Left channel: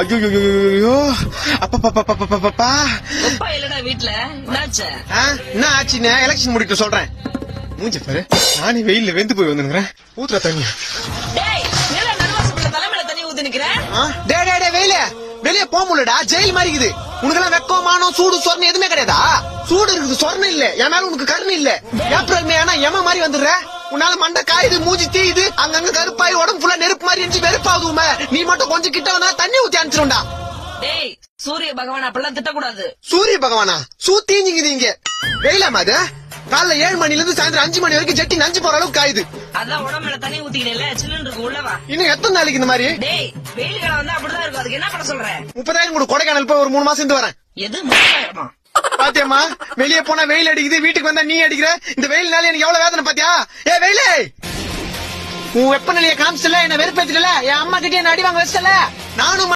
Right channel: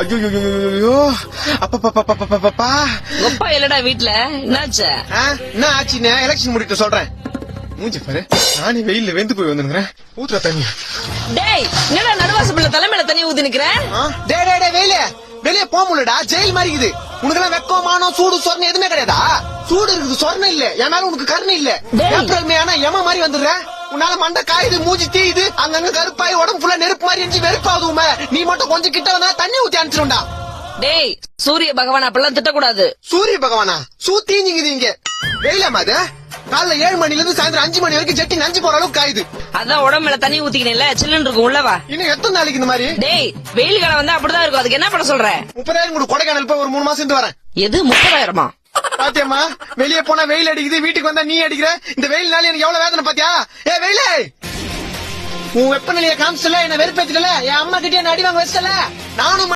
ஐயோ அப்பா எப்பா இல்லடா வீட்டுல என்னாச்சு? என்ன ஆச்சுன்னு எலெக்ஷன் முடிக்க சொல்றேன். மூஞ்ச பாரு, நானே வெயில்ல வெந்து போய் வந்துருக்கிறேன். ஊத்துற தண்ணியா? டேய் என்னடா நடுவாசு பிள்ளை தலைமையில தண்ணி ஊத்தி நிக்கிறேன். டே வெயில வெளியே போக முடியலடா, ஜெயில் மாதிரி இருக்குது. உனக்கு வெக்கம் மானம் சூடு சொரணை எதுவுமே கிடையாதா? சூடு இருக்குது, சொரணை இல்ல. என் மேல உனக்கு கருணை இல்ல. ஏப்ரல் மே ஆனா எம மாதிரி வந்துடுற. உன்னால மண்டை காயுது, மூஞ்சி தீயுது, அங்கங்க கருப்பாய் உடம்பு ஃபுல்லா நெருப்பு மாதிரி எரிஞ்சு வெறுப்பாகுமே. நீ மட்டும் கொஞ்சம் கிட்ட வந்தா தண்ணி ஊத்தி அனுப்பிச்சிடும்டா. டேய் சூரிய பகவான் அப்படிலாம் திட்டக்கூடாது. சூரிய பகவானா? சூத்தீங்க வெயிலாமா அது? காலைல 7 மணில இருந்து சாயந்தரம் 5 மணி வரைக்கும் ஜட்டி நஞ்சு போற அளவுக்கு காயுது. அதான் உடம்புல தண்ணி ஊத்திக்கணும்ல, சில்லுன்னு இருக்கும் உள்ளவா. இன்னும் எத்தனை நாளைக்கு இந்த மாதிரி? டேய் வெயில் காலம் வந்தா அப்படிதான் இருக்கும். அதுக்கு என்ன பண்ண சொல்ற? 30,000 கூட கொடைக்கானல் போய் ஒரு 3 மாசம் இருந்து வரேன். எது 30,000? பாத்தியம்மா, வெளியே போனா வெயில் அடிக்குது, வீட்டுக்கு வந்தா நீ அடிக்கிற. இந்த வெயில்னால எனக்கு எவ்வளவு வேதனை பாத்தியா? வெயிலே, உன் வெப்பநிலையை காமிச்சல, என்ன வெறுப்பேத்துல, என் அம்மா கிட்டே என்ன அடி வாங்க வச்சல. நானும்